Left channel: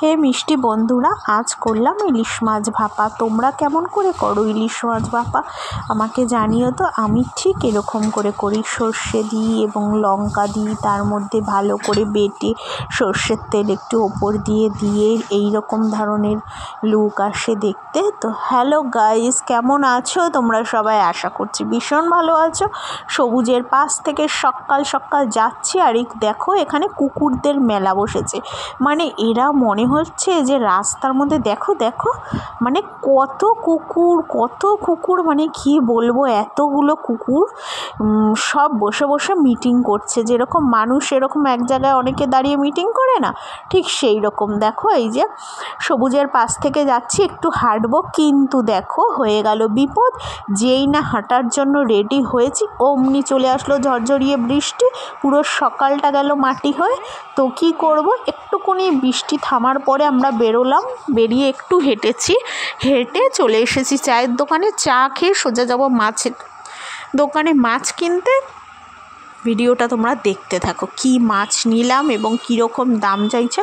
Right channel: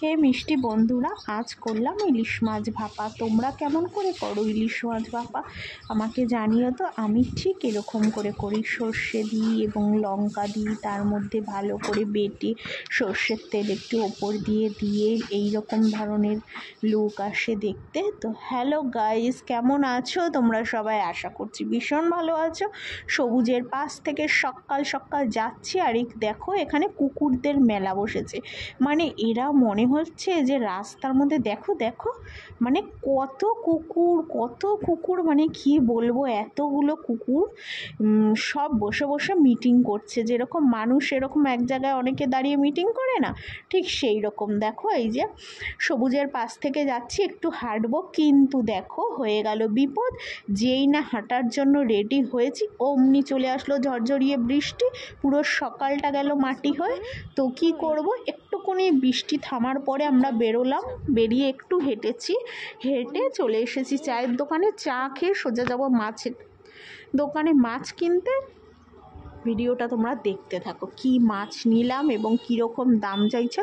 হে মিষ্টি বন্ধুরা, আজ করলাম ইলিশ মাছ ভাপা। তোমরা কেমন করে করো ইলিশ মাছ ভাপা আমাকে জানিও তো। আমি ঠিক এরকম করে করি, সর্ষে দিই এবং লঙ্কা দিই, তার মধ্যে ভালো করে বেটে সর্ষের তেল একটু ওপর দিয়ে এই রকম ধরনের লুক আসে দেখতে। তো হ্যালো গাইস, কেমন আছো তোমরা সবাই? আশা করছি ভীষণ ভালো আছো। সবুজের পাশ থেকে সকাল সকাল যাচ্ছি, আর দেখো এখানে কুকুরদের মেলা বসেছে। মানে এরা মনে হচ্ছে যে রাস্তার মধ্যে দেখো মানে কত কুকুর, মানে কি বলবো, এতগুলো কুকুর সব বসে বসে মিটিং করছে। যেরকম মানুষ এরকম এক জায়গায় অনেকে দাঁড়িয়ে মিটিং করে না, ঠিক সেই রকম। দেখো এই যে সবুজের পাশ থেকে যাচ্ছি, একটু হাঁটবো, কিন্তু দেখো হয়ে গেল বিপদ। যেই না হাঁটার জন্য রেডি হয়েছি, অমনি চলে আসলো ঝরঝরিয়ে বৃষ্টি, পুরো সকালটা গেল মাটি হয়ে। তো কি করব, একটুখানি বৃষ্টি থামার পরে আমরা বেরিয়ে একটু হেঁটে চলে এসেছি চায়ের দোকানে। চা খেয়ে সোজা যাব মাছের দোকানে মাছ কিনতে। ভিডিওটা তোমরা দেখতে থাকো, কি মাছ নিলাম এবং কীরকম দাম চাইছে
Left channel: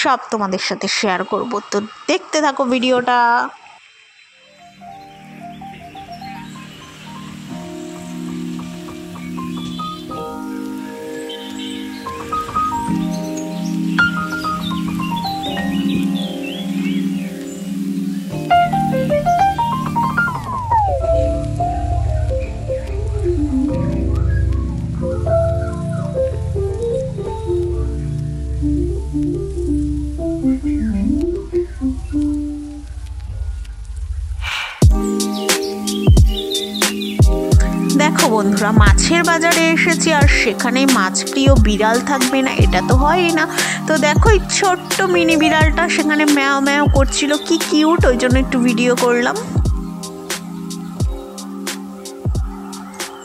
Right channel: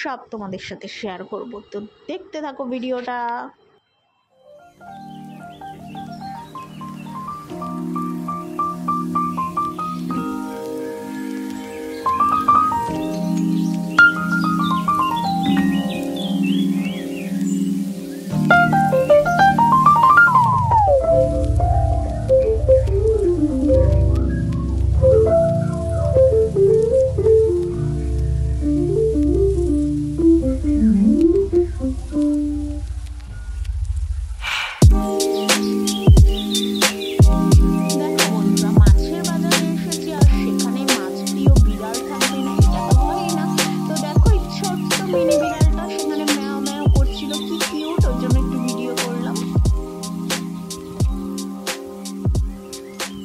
সব তোমাদের সাথে শেয়ার করব। তো দেখতে থাকো ভিডিওটা। দেখো বন্ধুরা, মাছের বাজারে এসেছি, আর সেখানে মাছ প্রিয় বিড়াল থাকবে না, এটা তো হয়ই না। তো দেখো এই ছোট্ট মিনি বিড়ালটা সেখানে ম্যাও ম্যাও করছিল, কি কিউট, ওই জন্য একটু ভিডিও করলাম।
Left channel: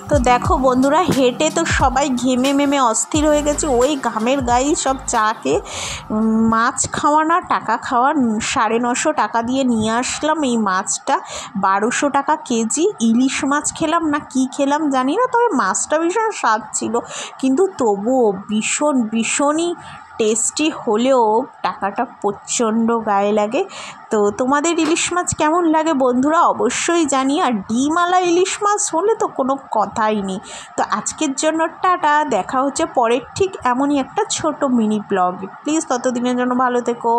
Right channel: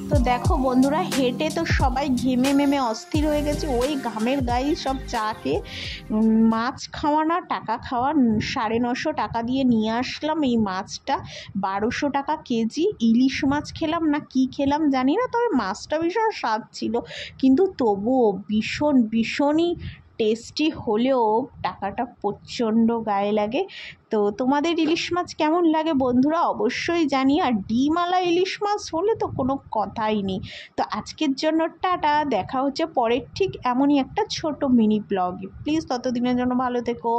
তো দেখো বন্ধুরা, হেঁটে তো সবাই ঘেমে অস্থির হয়ে গেছে। ওই ঘামের গায়ে সব চা খেয়ে মাছ খাওয়া না টাকা খাওয়া, 950 টাকা দিয়ে নিয়ে আসলাম এই মাছটা। 1200 টাকা কেজি ইলিশ মাছ খেলাম না কি খেলাম জানি না, তবে মাছটা ভীষণ স্বাদ ছিল। কিন্তু তবুও ভীষণই টেস্টি হলেও টাকাটা প্রচণ্ড গায়ে লাগে। তো তোমাদের ইলিশ মাছ কেমন লাগে বন্ধুরা অবশ্যই জানি। আর ডিমওয়ালা ইলিশ মাছ হলে তো কোনো কথাই নেই। তো আজকের জন্য টাটা, দেখা হচ্ছে পরের ঠিক এমনই একটা ছোট মিনি ব্লগে। প্লিজ ততদিনের জন্য ভালো থেকো।